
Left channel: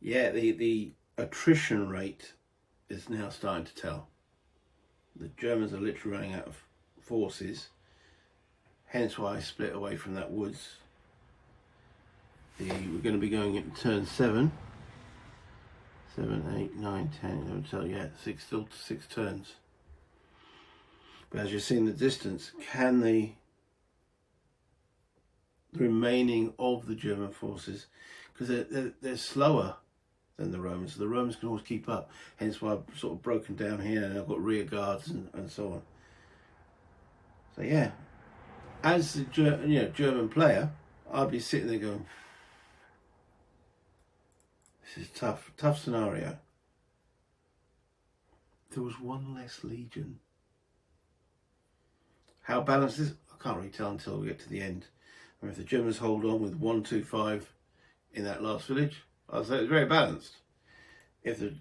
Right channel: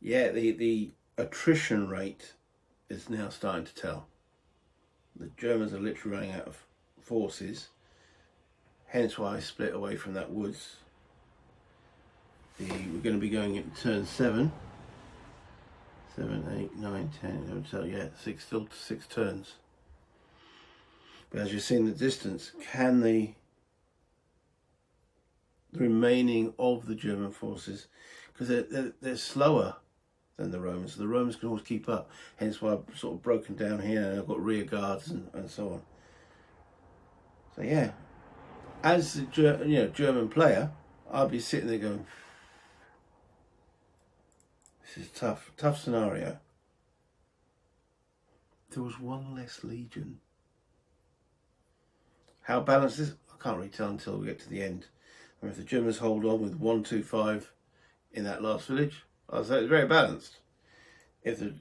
Yeah, the attrition rate is now starting to tell. The Germans are literally running out of forces, hence why I split away from that woods. We're going to be going into turn 7, 7, 8, 9, 10, 11, yeah, still 6 turns. But as you see in the distance, can the remaining of the German forces, because they're slower than the Romans, so the Romans can always keep up, hence why I've sort of broken down here and I've got rear guards and so on. So yeah, as the German player, I'll be sitting there going, this is tough scenario. There was 1 less legion. How balanced is it? I can't really tell until we get to the end. I mean, if the Germans hold on with 1, 2, 5 in that last village, I'll say it's very balanced. If the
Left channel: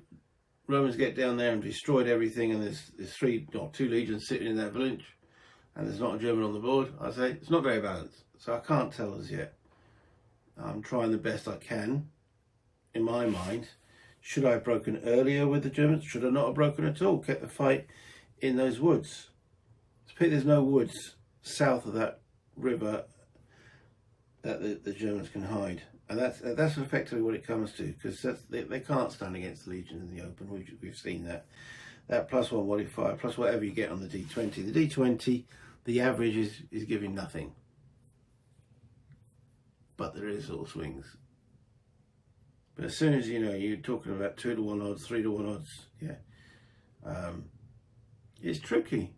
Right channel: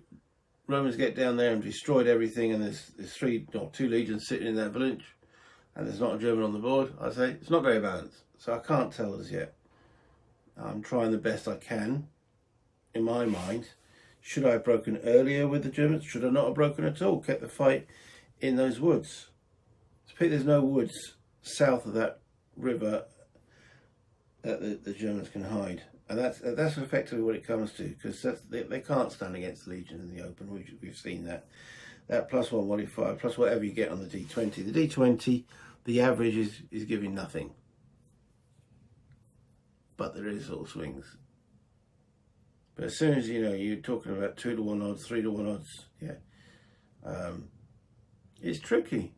Romans get down there and destroyed everything and there's 3 or 2 legions sitting in that village, and there's not a German on the board, I say it's not very balanced. So I can't tell as yet. I'm trying the best I can. In my mind, should I have broken earlier with the Germans? Should I not have broken at all? Kept the fight in those woods. There's no woods south of that river that the Germans can hide. And that's effectively what it comes to, because they can't stand against the Legion in the Open. We've seen that. That +1 modifier, plus whatever you get on the D20. The D20, the average is giving nothing. But there is little swings. But as soon as, you're talking about 2-to-1 odds, 3-to-1 odds, yeah. It's tricky,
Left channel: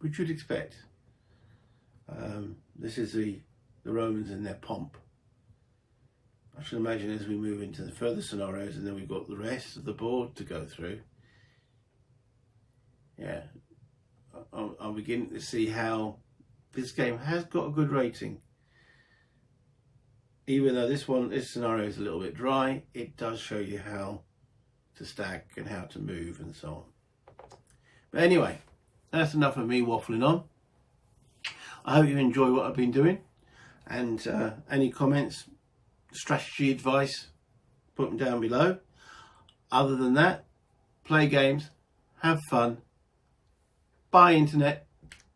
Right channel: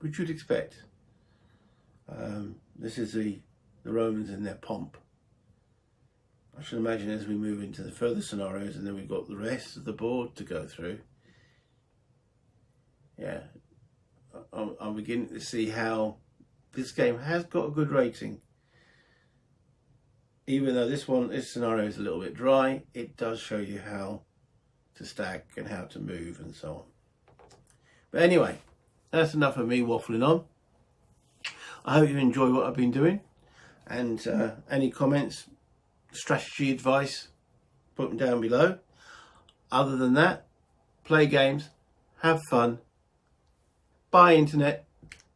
which you'd expect. This is the Romans in their pomp. I should imagine as we move into the further scenarios, and then we've got the rest of the board to go through. Yeah, I'm beginning to see how this game has got a good rating. Even though this scenario is a little bit dry, it does show you how to stack and how to move and so on. But anyway, that's enough of me waffling on. I hope you enjoy what I've been doing, and any comments, strategy advice, put them down below. Other than that, play games, have fun, buy internet,